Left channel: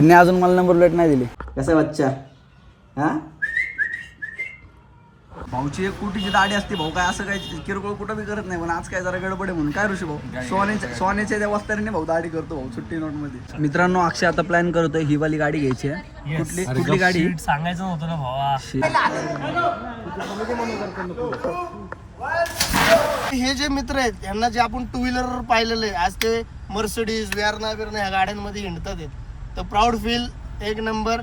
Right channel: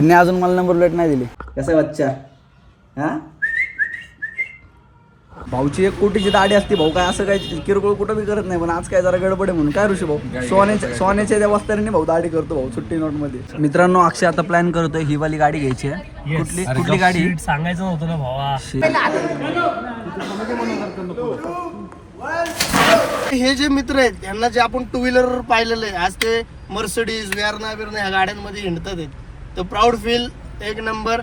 त्यांनी अजून मला नंबर प्लेट नाही दिली. कसं आहे बच्चा? हा? भाऊची एक कोटीची दाढी असते भाऊ काय असं काही किरकोळ कुठं बी करत नाही पण आज काय जरा गडबड आहे म्हणून. काय ऋषी भाऊ? सोन्याच्या सोन्याच्या त्या वस्तारीने भाऊ दाढी करतो भाऊ सुट्टी नोटमध्ये मित्रांनो अक्षय आता प्लॅन करतोय ही वाली गाडी घ्यायची आहे. कुठली कुठली गाडी? सांगायचं नव्हतं ना भावा. हे जे मित्र आहेत यांना जे आपण टू व्हीलर पाहिलेले आहे, आज ते मर्सडीज वेअरना बिरना ह्या गाड्यांमध्ये हिंडतात तर प्राऊड फील एक नंबर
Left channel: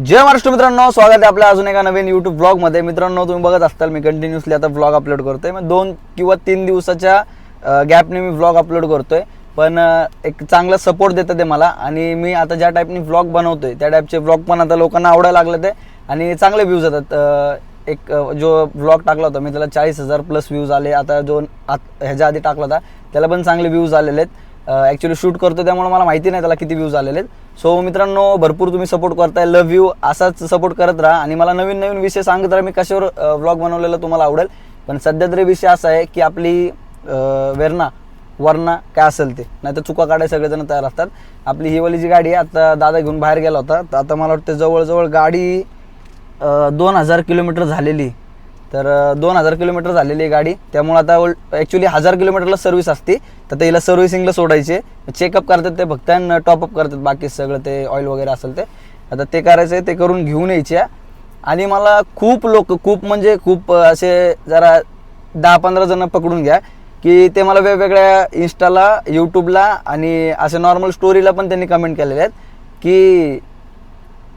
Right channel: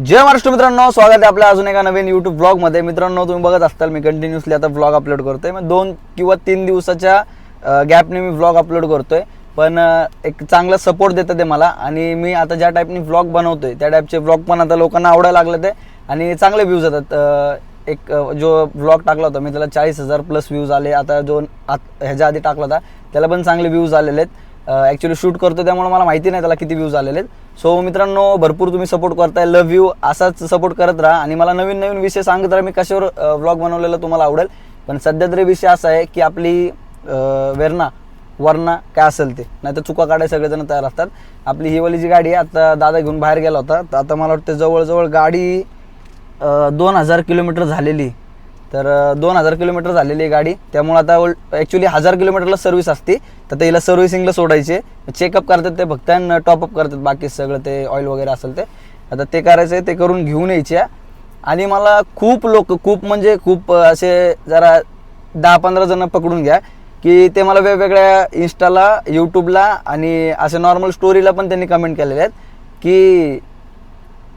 जय महाराष्ट्र मित्रांनो स्वागत आहे आपल्या अजून एका नवीन युट्यूब ब्लॉगमध्ये. मित्रांनो तुम्ही बघत असताल मी कंटिन्युअसली आता ब्लॉग अपलोड करतोय. मग दोन किंवा तीन दिवसाच्या गॅपने मी ब्लॉग अपलोड करतोय. पण एक चांगला सपोर्ट देतं ते मला. आणि मी आता ज्या टाईपने ब्लॉग बनवतोय त्या टाईपचे ब्लॉग पण आता लोकांना आवडायला लागले ते. आणि चांगले व्ह्यूज येतात. एक जो ब्लॉग टाकला होता मी त्याला चाळीस हजार प्लस व्ह्यूज आले. आता जो आत- ह्याच्या आधी टाकला होता त्याला पण चांगले व्ह्यूज आलेले आहेत. ॲक्च्युली शूट करतो त्यामुळे मला माहिती नाही त्याला किती व्ह्यूज आलेले आहेत. सो मित्रांनो भरपूर तुम्ही सपोर्ट करताय. लव्ह यू असाच सपोर्ट करत राहा. आणि मला नवीन नवीन विषय सांगत राहा. मी कशावर व्लॉग बनवलेला तुम्हाला आवडेल. पण सध्या तरी विषय असा आहे की आपली वेरना वेरणा वरणा काय असेल ते. नाही तर चुका काढायला सगळेजण तयार असतात. आपली हिवाली जी गाडी आहे. आता दादा घेऊन बाहेर गेला होता. तर आता मला वाटतं जवळजवळ गाडी दोन हजार किलोमीटर झालेली. तर दोन हजार किलोमीटर झालेली आहे गाडी. त्यामुळे आता ॲक्च्युली हजार किलोमीटरला सर्व्हिस असते. तर ते हिला सर्व्हिसिंगला सोडायचे. चेकअप करतात ते फक्त आणि टॉपअप करतात. बाकी सगळं ते ऑइल वगैरे असेल ते. आता ते करायचं आहे ते करून घेऊन यायचे आणि मला खूप लोक खूप म्हणजे खूप असे जरा दहा पंधरा जण पकडून घ्या. की ते मला वेगवेगळ्या इन्स्टाला यूट्यूबला आणि असे नॉर्मल स्टोरीला पण त्यांनी कमेंट केलेले आहेत. की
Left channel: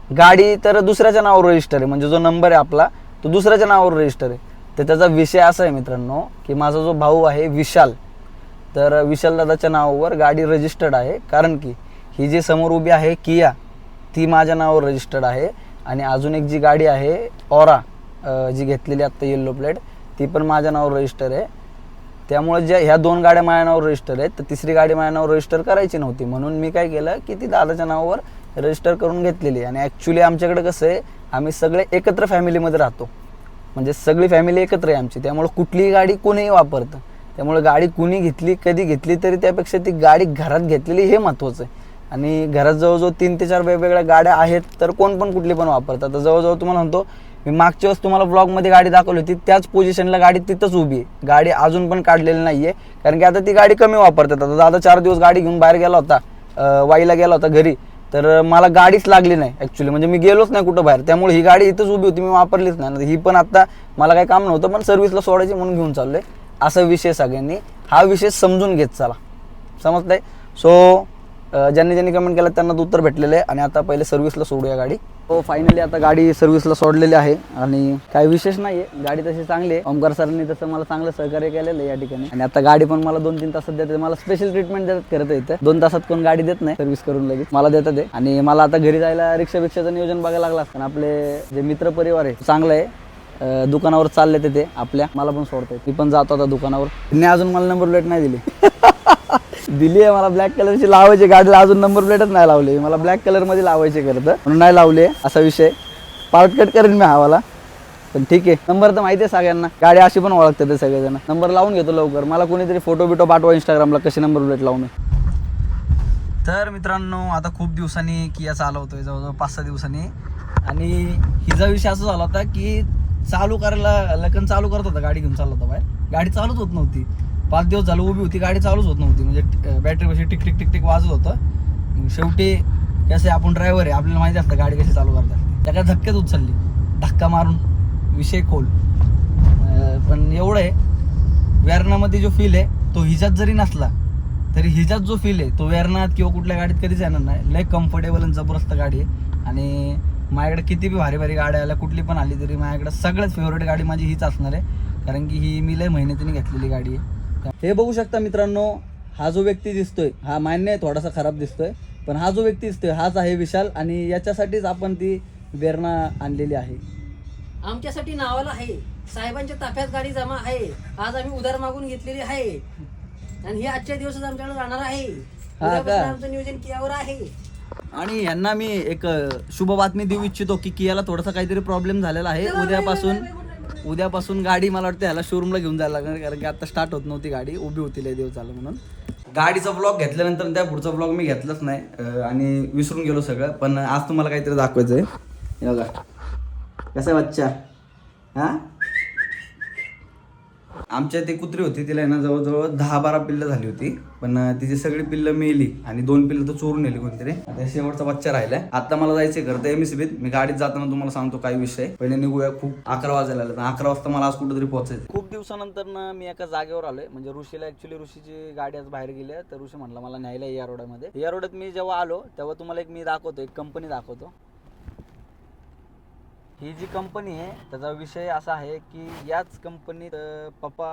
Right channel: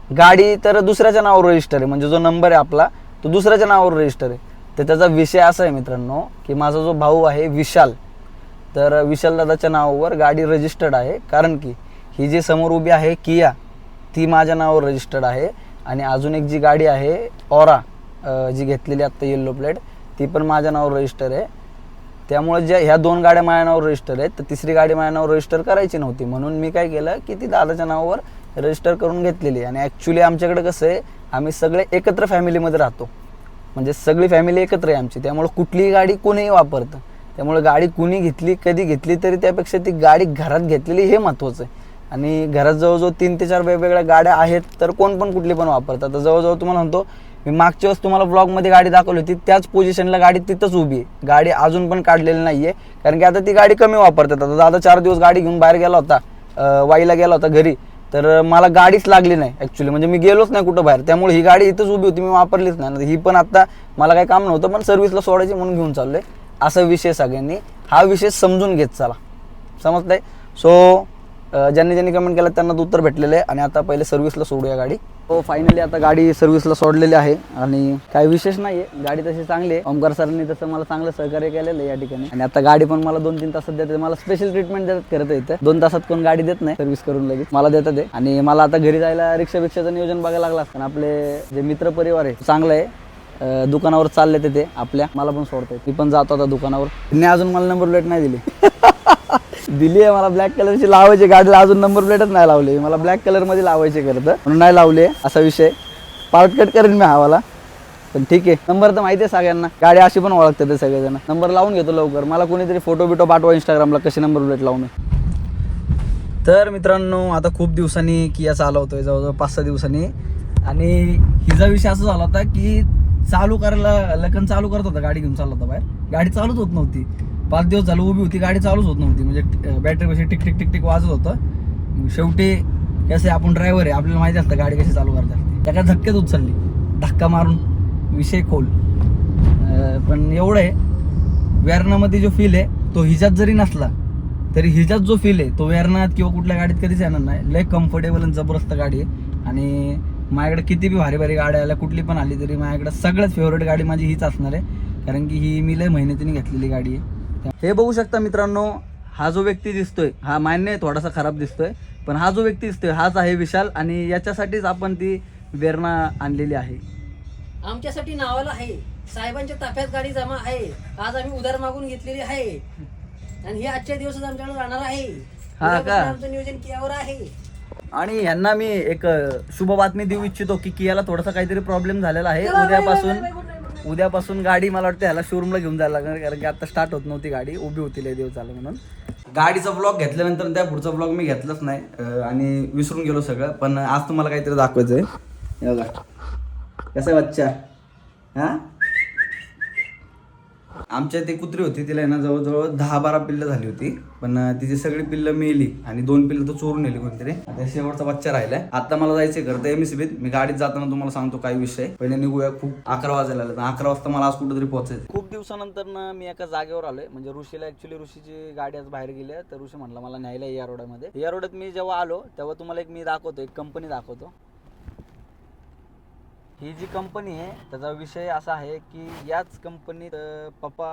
गाडी तर दुसऱ्याच्या नावावर रजिस्टर आहे. म्हणजे जो नंबर आहे आपला तो दुसऱ्याच्या नावावर रजिस्टर आहे. तर त्याचा विषय असा आहे मित्रांनो की माझा जो भाऊ आहे विशाल तर विशाल दादाच्या नावावर गाडी रजिस्टर्ड आहे. कारण की ही जी समोर उभी आहे किया ती माझ्या नावावर रजिस्टर्ड आहे. आणि अजून एक जी गाडी आहे ऑरा जी घेतलेली आत्ता येल्लो प्लेट ती पण माझ्या नावावर रजिस्टर आहे. त्यामुळे ज्या ह्या दोन गाड्या माझ्या नावावर रजिस्टर आहेत. तर तिसरी गाडी माझ्या नावावर रजिस्टर करायची नव्हती. म्हणून मी काय केलं की ती दादाच्या नावावर रजिस्टर करून घेतलेली आणि ॲक्च्युली आमच्याकडे कसं आहे आम्ही सगळे एकत्र फॅमिलीमध्ये राहतो. म्हणजे सगळी फॅमिली एकत्र आहे आमची. त्यामुळे कुठलीही गाडी कोणीही वापरतं. त्यामुळे गाडी कुणी घेतली कधी घेतली तरी त्यापेक्षा ती गाडी घरात घेतलेली हे महत्त्वाचं आहे. आणि घरात जवळजवळ तीन ते चार वेगवेगळ्या गाड्या आहेत तर कोण पण कुठली पण वापरतात तर जवळजवळ तुम्हाला म्हणतो मी मागच्या वेळेस तुम्हाला ब्लॉगमध्ये गाडी दाखवली होती त्याच पोझिशनला गाडी तिथंच उभी आहे. गाडी अजून पण काढलेली नाही आहे कारण की आता ती गाडी कमी वापरतात. आता दादा चार दिवस गाडी घेऊन बाहेर गेला होता वाईला गेला होता घरी. तर मला गाडीच लागली नाही ॲक्च्युली म्हणजे मी गेलोच नाही कुठं बाहेर. त्यामुळे ही गाडी इथंच उभी होती मी वापरलीच नाही. ही पण आता मला काही काम नव्हतं पण सर्व्हिसला सोडायची म्हणून घेऊन चाललंय. असा विषय सगळ्यांनी. हा विषय समजून घेत चला. समजतंय? सो ज्यांनी ज्यांनी कमेंट केलं त्यांना उत्तर भेटलेलं आहे. आणि आता पहिले सर्व्हिसला सोडूया गाडी. हो फायनली आता गाडी सर्व्हिसला सोडलेली आहे आणि काही विशेष नाही आहे गाडी तशी चांगली आहे. ओमकार सरांनी तसं मला चांगलं सहकार्य केलेलं आहे या ठिकाणी. आणि आता गाडी पण मला दोन तीन तासात देते. मला स्पेशल ट्रीटमेंट देतात करत इथं. दोन तासात कोण गाडी देत नाही सर्व्हिस करून लगेच. मला देतात ते. आणि मला आता घरी जायला रिक्षा बिक्षाचं नियोजन बघायला लागला असतं. आपले जे मित्र परिवार आहे चांगलं आहे. दुकानावर चालले ते आपल्या मला पण सोडताय मी पण जातो आता दुकानावर. त्यांनी अजून मला नंबर प्लेट नाही दिली. दिली आहे मला ब्लॅक कलरची लावायची. गाडीला अजून नंबर प्लेटच नाही लावली. मला ब्लॅक कलरमध्ये लावायचे करत म्हणून नाही लावले. असा विषय. पार्ट कट करेन मी हवाला. पण ठीक आहे. नंबर तर माहिती आहे सगळ्यांना. गाडी अशी पण ओळखते ते सगळेजण. नंबर लावून घेतो लवकर. मला कोणीतरी फोटो बिटो पाठवा इंस्टाग्रामला कशी नंबर प्लेट लावून. तर मित्रांनो आता खूप दिवसांनी किया चालवतोय जवळजवळ पाच सहा दिवसांनी. आणि हिचा विषय असा झाला होता की चालू करायला लखन चालू करत होता. गाडी घेऊन चालला होता बाहेर. गाडी चालूच होत नव्हती. पाच दिवस झालं उभी होती गाडी चालूच होत नव्हती. म्हणजे बॅटरी कशी टिक टिक टिक टिक वाजत होतं. शेवटी कसे आपण ड्रायव्हर आहे आपल्याला माहिती असतं गाडी कशी चालू करतात. त्या काय उचलली. धक्का मारून विषय खोल. पण एवढं आहे व्यारणामध्ये जो फील आहे तो हिच्यात जरी नसला तरी हिच्यात जो फील आहे तो व्यारणात किंवा कुठल्या गाडीत कधीच येणार नाही. लय कम्फर्टेबल आणि जबरदस्त गाडी आहे. आणि माझ्याकडे किती बी भारी भारी गाड्या आल्या कुठली पण आली तरी माझ्याकडे सगळ्यात फेवरेट गाडी माझी हीच असणार आहे. कारण की ही मी लय मेहनतीने घेतलेली गाडी आहे. हे बघू शकता मित्रांनो हा जो व्यक्ती दिसतोय हा मान्य आहे थोडासा खराब दिसतोय पण हा जो व्यक्ती दिसतोय हाच आहे विशाल आणि याच्यासाठीच आपण ती वेरणा आणलेली आहे. आमच्यासाठी नावाला आहे. साहेबांच्या ताफ्यात गाडी जमा आहे. आज आम्ही उधार मागून घेतलेली आहे. आणि हे आजच्या दिवसच आमच्याकडे राहणार आहे. हा उद्यापासून? आमचं नियोजन कियावर आहे. आणि यांना मी एक शुभ बातमी देऊ इच्छितो की कियाला थोडासा काहीतरी प्रॉब्लेम झालेला आहे. उद्यापासून उद्यापासून गाडी मला वाटतं ह्याला शोरूमला घेऊन जायला लागणार कारण की आता स्टार्ट होत नव्हती गाडी उभी होती लय दिवस झालं म्हणून. गाडीचा ब्लॉग घेतल्यानंतर त्या पुढचा ब्लॉग मी घेतलाच नाही आणि विसरून गेलो सगळं पण आज तुम्हाला काहीतरी दाखवायचं आहे बघा. कसं आहे बच्चा? हा? आमच्या ते कुत्री होती तिला आहे ना जवळजवळ दहा बारा पिल्लं झाली होती. पण तिची सगळी पिल्लं मेली आणि दोन पिल्लं तर चोरून नेली कोणतरी. आता शेवटचा बच्चा राहिलाय. आता मला जायचंय करता एम मी गाडीत जाताना तुम्हाला सांगतो काय विषय पहिले निघूया खूप अकरा वाजायला आलं अकरा वाजता मला आज कुठेतरी पोहोचायचं खूप दिवसानंतर ना मी एका जागेवर आलोय. म्हणजे ऋषीला ऍक्च्युली ऋषीची गाडी आज बाहेर गेली तर ऋषी म्हणला मला न्यायला या रोडमध्ये. या रोडात मी जेव्हा आलो तेव्हा तुम्हाला एक मी दाखवतो एक कंपनी दाखवतो. ही जी कंपनी आहे त्याचा विषय असा आहे की याच कंपनीत पप्पा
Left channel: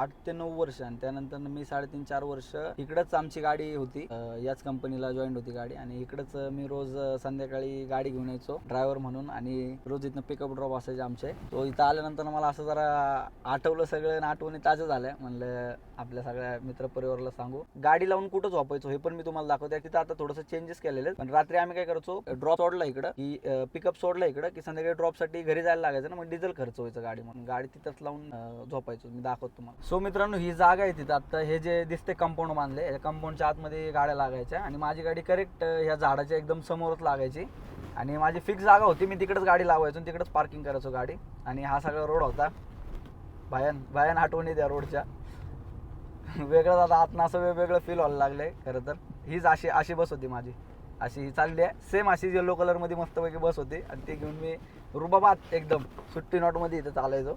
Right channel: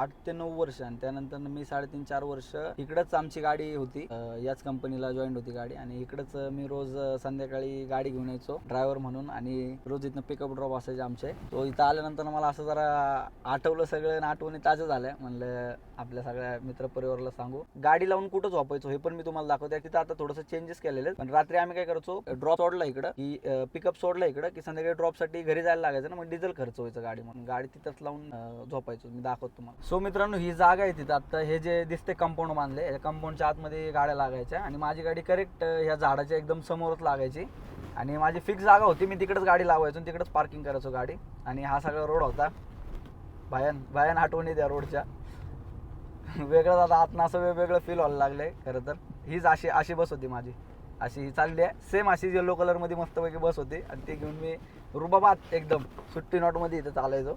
आठ ते नऊ वर्ष आणि त्यानंतर मी साडेतीन चार वर्ष इकडंच आमची गाडी होती. याच कंपनीला जॉईन होती गाडी आणि इकडंच मी रोज संध्याकाळी गाडी घेऊन यायचो ड्रायव्हर म्हणून आणि रोज इथनं पिकअप ड्रॉप असायचे आमचे. तो इथं आल्यानंतर मला असं जरा आठवलं सगळं आणि आठवणी ताज्या झाल्या. म्हणलं आपल्या सगळ्या मित्रपरिवाराला सांगू. गाडी लावून कुठं झोपायचो हे पण मी तुम्हाला दाखवते. तिथं आता थोडंसं चेंजेस केलेले आहेत. पण रात्री आम्ही काय करतो ड्रॉप सोडला इकडं की पिकअप सोडला इकडं की संध्याकाळी ड्रॉप साठी घरी जायला लागायचं ना मग डिझेल खर्च व्हायचं गाडी म्हणून गाडी तिथंच लावून झोपायचो. मी दाखवतो तुम्हाला. सो मित्रांनो ही जागा आहे तिथं. आता हे जे दिसते कंपाऊंड बांधले या कंपाऊंडच्या आतमध्ये गाड्या लागायच्या आणि माझी गाडी करेक्ट ह्या झाडाच्या एकदम समोरच लागायची. आणि माझी फिक्स जागा होती. मी तिकडंच गाडी लावायचो आणि तिकडंच पार्किंग करायचो गाडी. आणि हा सगळा रोड होता. भयान भयान आठवणी त्या रोडच्या वेगळं आता आतनं असं वेगवेगळं फील व्हायला लागलंय खरं तर. हीच अशी अशी बस होती माझी. अशी ही चालली आहे. सेम अशी येलो कलरमध्ये मस्तपैकी बस होती. आणि ती घेऊन मी रुबाबात एकदम सुट्टी नोटमध्ये इथं चालायचो.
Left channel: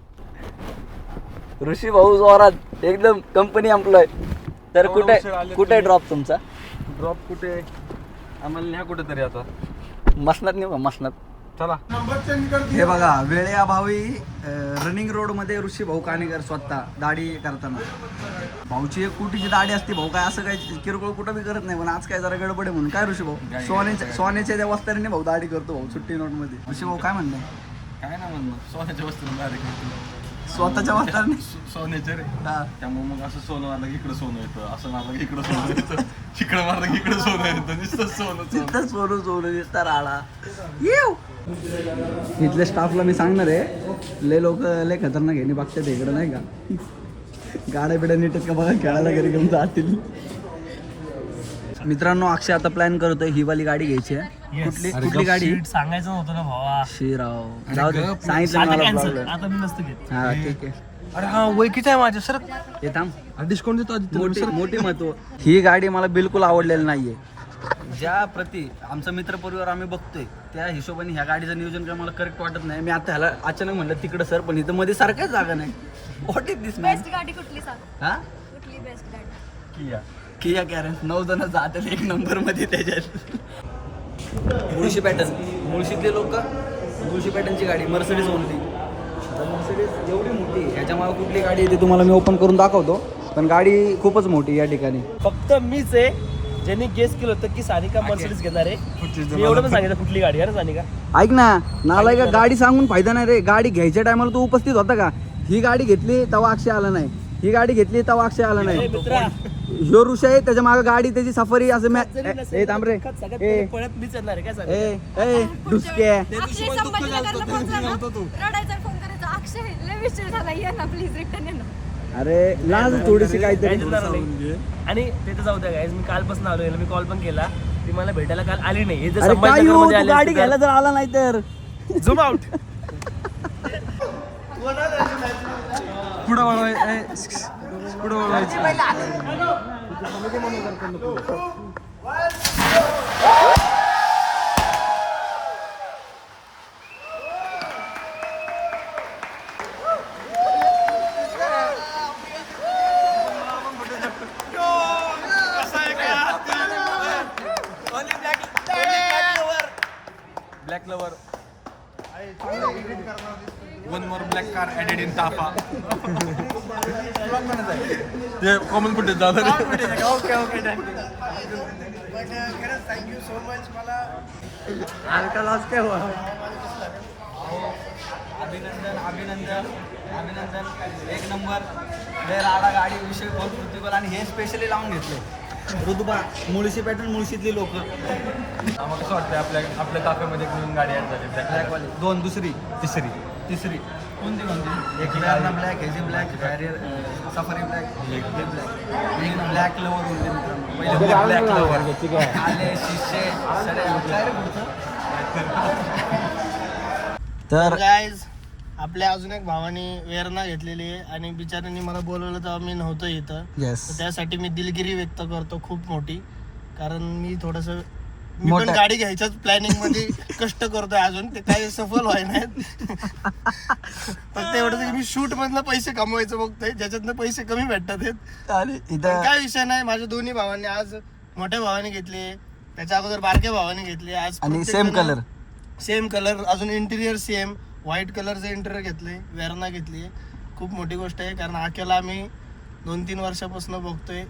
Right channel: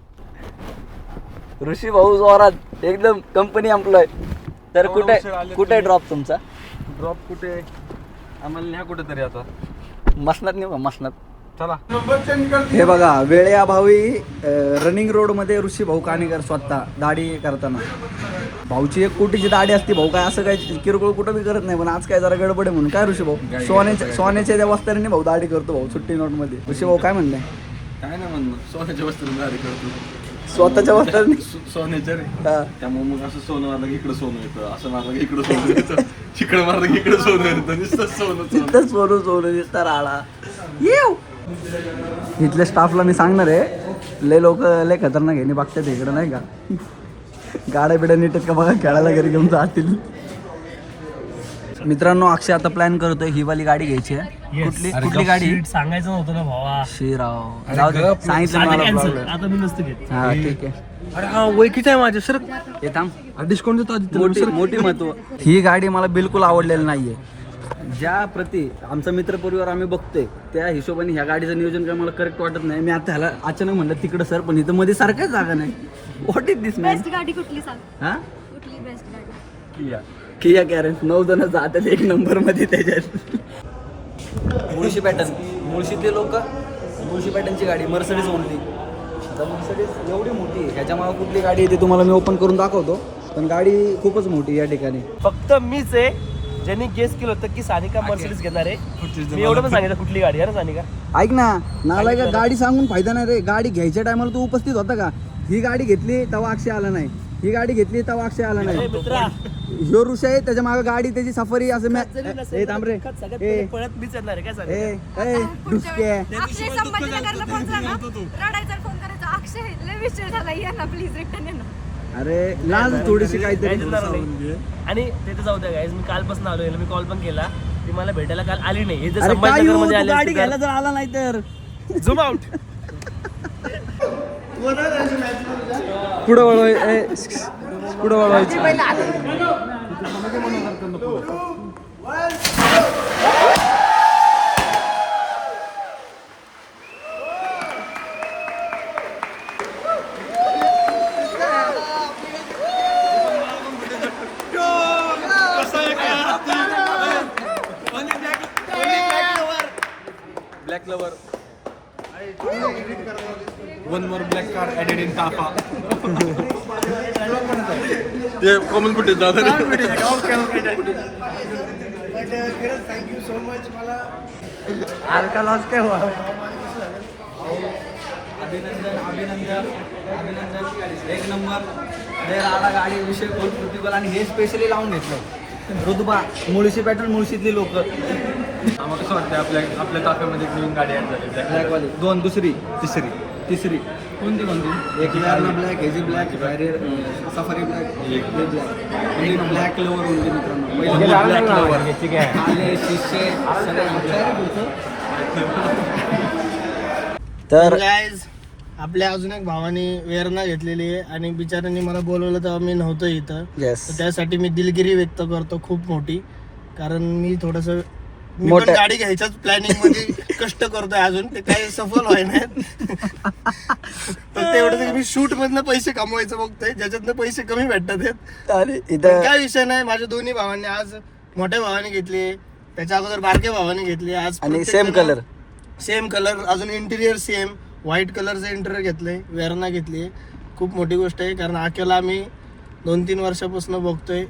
ऋषी भाऊ जोरात एकदम कंपनी एम्प्लॉय तर कुठे कुठे? ड्रॉप तुमचा? ड्रॉप कुठे? आम्हाला न्या कुठेतरी आता. मसनात नेऊ का? मसनात. चला. हे बघा वेळेअभावी रनिंग रोडमध्ये ऋषी भाऊ काणेकर स्वतः दाढी करताना. भाऊची एक कोटीची दाढी असते भाऊ काय असं काय किरकोळ कुठं बी करत नाही पण आज काय जरा गडबड आहे म्हणून. काय ऋषी भाऊ? सोन्याच्या सोन्याच्या त्या वस्त्राने भाऊ दाढी करतो भाऊ सुट्टी नोटमध्ये ऋषी भाऊ काय म्हणताय? काय ना म्हणणं. सोन्याच्या वस्तू भारी करतो. स्वतःच्या वस्त्राने सोन्याच्या रे. त्यामुळे मग असं सोनं मारलं की इकडं सोनं येतं असं मारलं की इकडं सोनं येतं इकडं मारलं की इकडं सोनं येतं नुसतं सोनं सोनं. तिथं सोनं सोनं दिसतं राळा येऊ. इथल्या स्टाफला मी सांगणार आहे लय लोक लय खतरनाक आहे बघतात इकडे नाही का? गाड्या बिड्या नीट आहेत का बघा? खेळायला घरी घेऊन जातील. मित्रांनो अक्षय आता प्लॅन करतोय ही वाली गाडी घ्यायची आहे. कुठली कुठली गाडी? सांगायचं नव्हतं ना भावा. शिराव जाऊ दे, सांगितलं मला problem. आता मी नसतं घेत. हा ठीक आहे. अरे हा वय किती आहे माझं सर हे थांब. डिस्काउंट देतो. मोठी मोठी महत्त्व. ही गाडी मला बिलकुल आवडलेली नाहीये. ज्या प्रती आमचा मित्र परिवार आम्ही बघतोय त्या हिशोबाने ह्या गाडीचं नियोजन काय मला करेक्ट वाटत नाही. मी आता ह्याला अचानक म्हणलं तिकडं सर पण इथं मध्ये सारखंच जागा नाही. What is this man best गाडी कुठली सांग? हा? कुठली बेस्ट गाडी? किया. कॅरेन. नऊ जण जातात एक नंबरमध्ये त्याच्यात. मुळशी पॅटर्न मुळशीतले लोक मुळशी पॅटर्नची गाडी मर्सडीज ओनली आता मर्सडीज एवढी मोठी ह्याच्या मागे कुठली गाडी येते तुम्हाला मी ओपन करून दाखवतो. पण गाडी खूपच मोठी या ठिकाणी. फक्त मीच आहे. ज्यांनी गेस केलं होतं की सानिका मर्सिडीज घेणार आहे. मी एवढं पण सांगितलं कुठली गाडी? आहे ना सानिका. ऐक ना नालाय का गाडी सांगून फायदा नाही रे. गाडी घ्यायच्या टायमाला तू उपस्थित होता का? ही गाडी घेतली तेव्हा अक्षय आला नाही. ही गाडी घेतली तेव्हा अक्षय आला नाही. मित्रा. ह्यो ऋषी आहे त्याच्यामागे गाडी त्याची सफरी असं मॅ- जरी ए थांब रे. मीच येणार आहे काय ए ए डुसक्या अक्षय संभाजीनगरला पोहोचला ना? रडायचा फोन करायचा अक्षय लय विषय झाला ये ना प्लीज रिटर्न ये ना. अरे लाज थोडीशी काहीतरी. नाही. आणि ते तर जाऊ द्या गाईज मी कालपासून आलो याला मी कॉल पण केला. ती मला भेटायला काल आली नाही. हे जर अरे काय येऊ, संभाजीनगरमध्ये तू आले गाडी घ्यायला जर आला नाही तर. झूम आउट पुढं वळवाय ए, पुढं वळवायचं. Black lover one more black car added in ताफा ते कॉमन फुटेज खरंच थँक्यू सो मच मला अभिनंदन अभिनंदन अभिनंदन. एक नंबर लय राडा गाडी विषय खोल प्रतिबल आणि हे स्पेशली लावून घेतलं ऋतुबा मुळशी पॅटर्न मुळशीतली लोक. आम्हाला कसं वाटतं आपल्या आपल्या ताफ्यामध्ये एक नवीन गाडी ऍड झाली ब्लॅकवाली दोन दुसरी. तिसरी. तिसरी. कोणती कोणती? एक ब्लॅक हेजी ब्लॅक बॅरियर सफारी ब्लॅक एक ब्लॅक म्हणजे ब्लॅक लोवर म्हणजे मित्रांनो. ब्लॅक लोवर आले शिष्य तर गाईज आपल्या अजून एक भावाने वेरणा घेतलेली आहे आणि बिचाऱ्यांनी मला बोलवलं तेव्हा मी नव्हतं इथं. येस तर त्यासाठी मी दिलगिरी व्यक्त करतो खूप मोठी. कारण मी थोडस मोठं- गाडी घ्यायच्याच प्लॅनिंगमध्ये कष्ट करतोय अजून. ते काही सफल व्हाय नाहीत. तर तेवढं मी शूट मधनं पैसे कमवायचं बघतोय. ज्याच्यातनं पैसे कमी भेटतात आहेत. आणि इथं काय विषय नाही. माझ्या दोन्ही भावांनी आज मोठ्या भावाने घेतले. त्याच्या अगोदर बारक्या भावाने घेतले. आज आणि सेम कलर सेम कलर अजून इंटिरियर सेम व्हाईट कलरचं इंटिरियर घेतलंय वेरणा घेतली खूप मोठी गोष्ट आहे कारण आक्याला आम्ही दोन तीन वर्षापासून बघतोय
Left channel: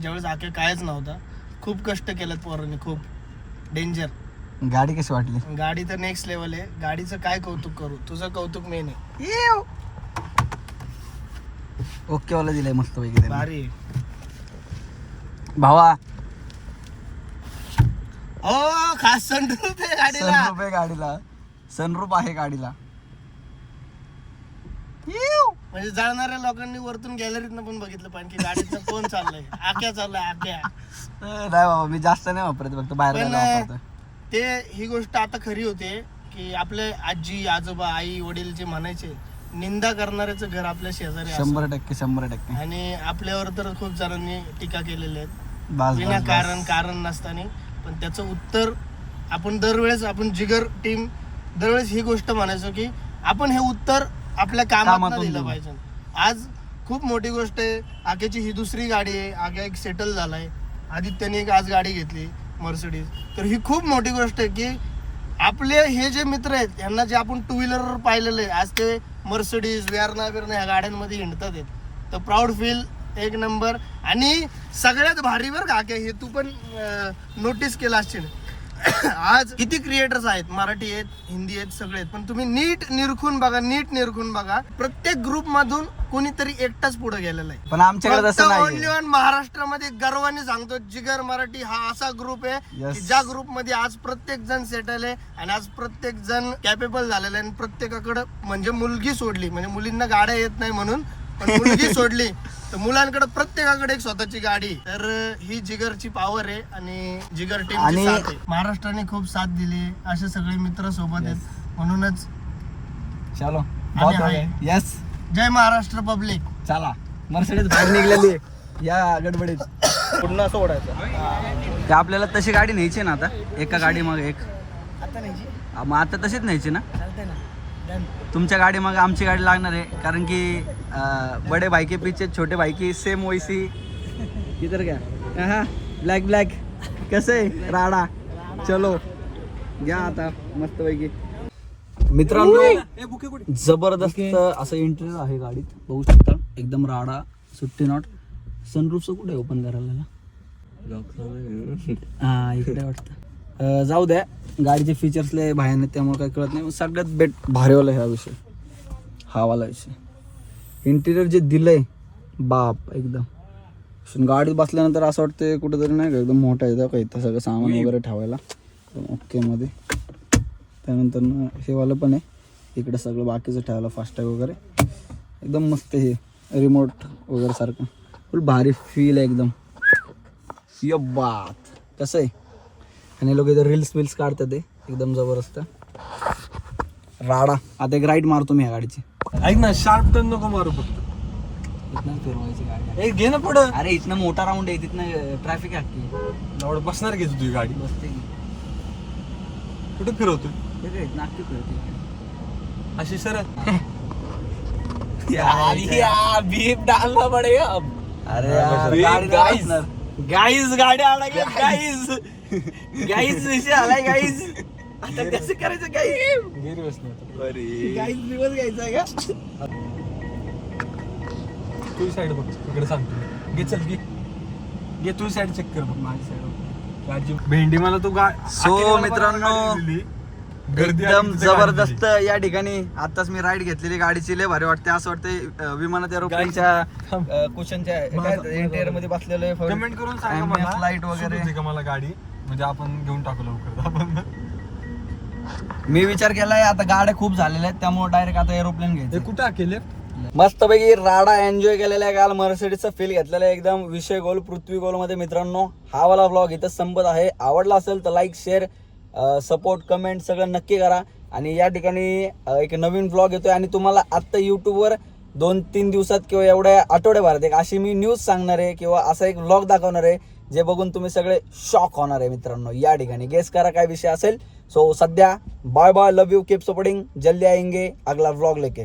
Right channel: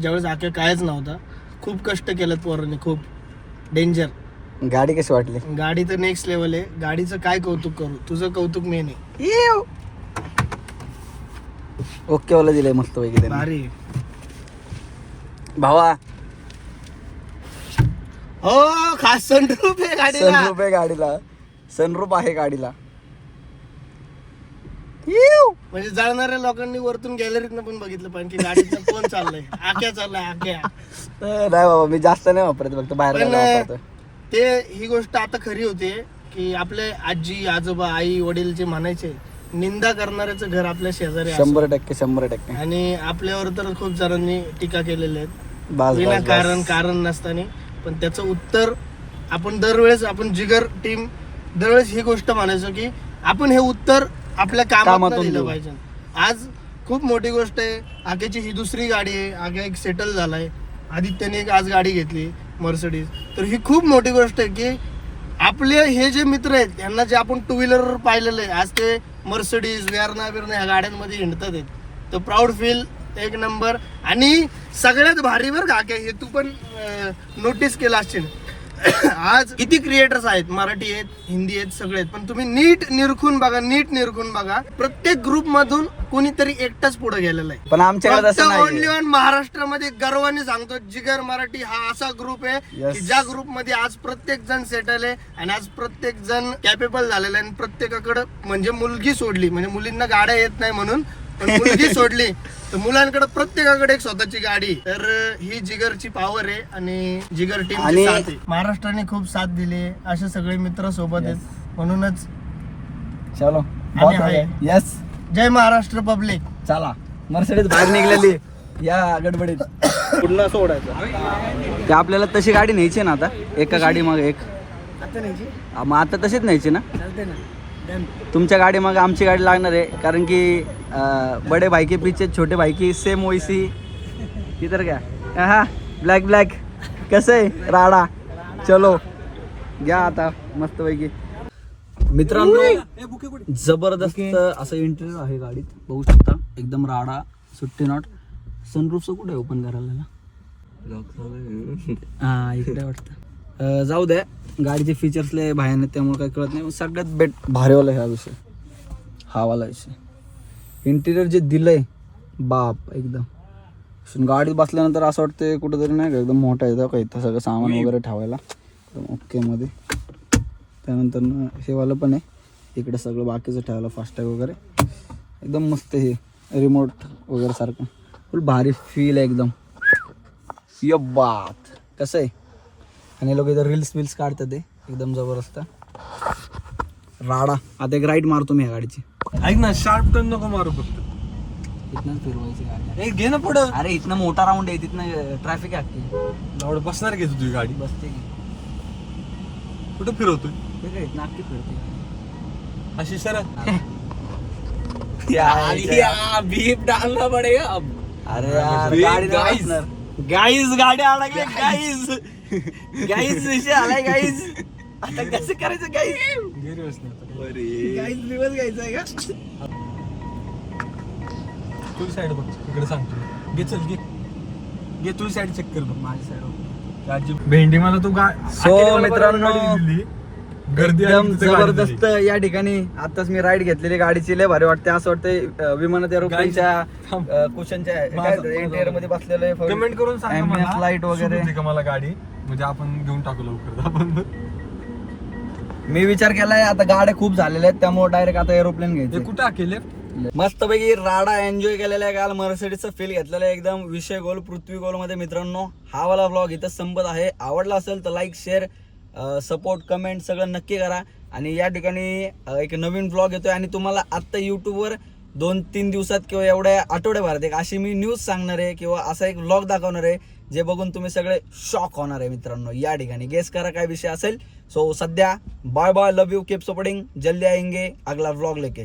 ज्यावेळेस आक्या कायच नव्हता. खूप कष्ट केलेत पोरांनी खूप. डेंजर गाडी कशी वाटली? गाडी तर नेक्स्ट लेवल आहे. गाडीचं काय कौतुक करू? तुझं कौतुक मेन आहे ओके वाला दिलंय मस्त पैकी त्यांनी. भारी. भावा. हो खास सनरूफ आहे गाडीला. सनरूप आहे गाडीला. सनरूप आहे गाडीला. म्हणजे जाणाऱ्या लोकांनी वरतून गॅलरीतनं पण बघितलं पाहिजे की गाडीचं कोण चाललंय? आक्या चाललाय आक्या नाही बाबा मी जास्त नाही वापरत फक्त बाहेर पण वापरतो ते ही गोष्ट आता खरी होते की आपले आजी आजोबा आई वडील जे म्हणायचे निंदा करणाऱ्याचं घर आपल्या शेजारी असतं. शंभर टक्के शंभर टक्के. आणि आपल्यावर तर खूप जणांनी टीका केलेल्या आहेत. बस विना बस कारण बस. कारण नसताना. पण त्याचं उत्तर आपण दरवेळेस आपण जिगर टीम दरवेळेस ही गोष्ट म्हणायचो की आपण हे उत्तर आपल्या कामात कामातून दिलं देऊ. पाहिजे आज खूप मोठी गोष्ट आहे. आग्याची ही दुसरी गाडी आहे. आग्या एक सेटल झालाय. आदित्यने एक आज गाडी घेतली मर्सडीज तर ही खूप मोठी गोष्ट आहे की आपले हे जे मित्र आहेत यांना जे आपण टू व्हीलर पाहिलेलं आहे आज ते मर्सडीज वेरणा बिरणा ह्या गाड्यांमध्ये हिंडतात आहेत. तर प्राऊड फील एक नंबर आणि सगळ्यात भारी बरं का हे तू पण नोटीस केलं असशील. आज किती क्रिएटर्स आहेत? मराठी आहेत हिंदी आहेत सगळे आहेत. पण तुम्ही नीट निरखून बघा नीट निरखून बघा. प्रत्येक ग्रुप मधून कोणीतरी एकटाच पुढे गेलेला आहे. पण आमच्याकडे तसं ओनली नाही वन महाराष्ट्रामध्ये गर्वाने सांगतो जिगर मराठी हा असा ग्रुप आहे Yes. की ज्या ग्रुपमध्ये आज प्रत्येक जण सेटल आहे आणि आज प्रत्येक जण कॅपेबल झालेला आहे आणि प्रत्येकाकडे म्हणजे मुलगी सोडली. म्हणजे मुलींना गाड्या येत नाही म्हणून पण मुलगी सोडली. तर मुलांकडे प्रत्येकाकडे एक स्वतःची गाडी. आहे. तर अं, ही जिगरची पॉवर आहे आणि जिगर टीम आणि- महाराष्ट्राने खूप साथ दिली असे सगळे मित्र सोबत आहेत. म्हणूनच चलो. यस जय महाराष्ट्र पब्लिक चला. मर्सडीज बाहेर निघलेली. या गडबडीत. पुन्हा सोडायचं. ते आपल्याला तशी गाडी न्यायची ना आता? एका गाडी मग एक. आता नाही मग आता तशीच न्यायची ना? चालते ना. तुमच्या गाडी मग आमची गाडी लागणार आहे. कारण की बडे भाई के पीछे छोटे भाई की सेम वैसी। इधर क्या हा ब्लॅक ब्लॅक कसं? आहे राडा चलो घ्या आता मस्त पैकी। मित्रांनो जबरदस्त असं इंटरव्ह्यू आहे गाडीत. बघू शकता एकदम राडा सुट्टी नॉट सनरूफचं कुठे ओपन करायला? हा इकडे वाटतं. जाऊ द्या. गाडीचे फीचर्स लय भयान आहेत त्यामुळे काही कळत नाही. सगळ्यात बेट भारीवाला ह्या विषय. हा वाला विषय. इंटिरियर जे दिलंय बाप एकदम. गाडीत बसल्यानंतर असं वाटतं कुठंतरी नाही का एकदम मोठा येतं का इथं सगळं सामान वगैरे ठेवायला. ओके मध्ये. त्यानंतर न हे वालं पण आहे. इकडे सगळं बाकीचं ठेवायला फास्टॅग वगैरे. एकदम मस्त हे. रिमोट वगैरे सारखं. फुल भारी फील आहे एकदम. ये बात. कसं आहे? आणि लोक इथं रील्स विल्स काढतात ते एकदम जबरदस्त. राडा. आता एक राईड मारतो मी या गाडीची. ऐक ना शार्प टर्न नको मारू फक्त. इथनं फिरवायची गाडी ए घे ना पुढं. अरे इथनं मोठा राऊंड आहे तिथनं ट्रॅफिक आहे बसणार घे तुझी गाडी? बसते की. कुठं फिरवतोय? हे अख्खी फिरते. अशी सरळ. बीप डालना पडेगा अब. अरे बे, गाडी. बसणार. गाईज गाडी आला गाईज गाईज विषय आलाय गाईज आता कसं करायचं बसणार गाडीत दिवस घ्यायचा आहे का? तू साईड बघ इकडे सांगतो घे चल घे. घे तू साईड चेक कर बघ माझी साईड भेंडी मला तू गा सो मित्रांनो गर्दी आली एकदम तिथं गाडी जबरदस्त या ठिकाणी. आताच मी राईड घेतलेली गाडीची लय भारी वाटते असं वाटतंय विमानात एरोप्लेनच्या कुशनच्या इंटेरियरमध्ये बसलेलं कमेंट करून सांग मला. लाइट वगैरे. का मला गाडी? म्हणजे आपण घेऊन टाकू लवकर. आपण मी विचार केलाय आता गाड्या खूप झालेल्या आहेत त्यामुळे डायरेक्ट आता एरोप्लेन घ्यायचं. कुठं आकेले मस्तपैकी राडा एन्जॉय केलेला आहे काल मर्सिडीचा फील घेतलेला आहे एकदम. विषय गोल पृथ्वी गोलमध्ये मित्रांनो हा वाला व्लॉग इथं संपत आहे. आवडला असेल तर लाईक शेअर सपोर्ट कमेंट सगळं नक्की करा. आणि या ठिकाणी एक नवीन व्लॉग येतोय आणि तुम्हाला आत्ता यूट्यूबवर दोन तीन दिवसात किंवा एवढ्या आठवड्याभरात एक अशी मी न्यूज सांगणार आहे किंवा असा एक व्लॉग दाखवणार आहे जे बघून तुम्ही सगळे शॉक होणार आहे मित्रांनो. या ठिकाणी गेस करा काय विषय असेल. सो सध्या bye bye love you keep supporting जल्दी आईंगे अगला व्लॉग लेके.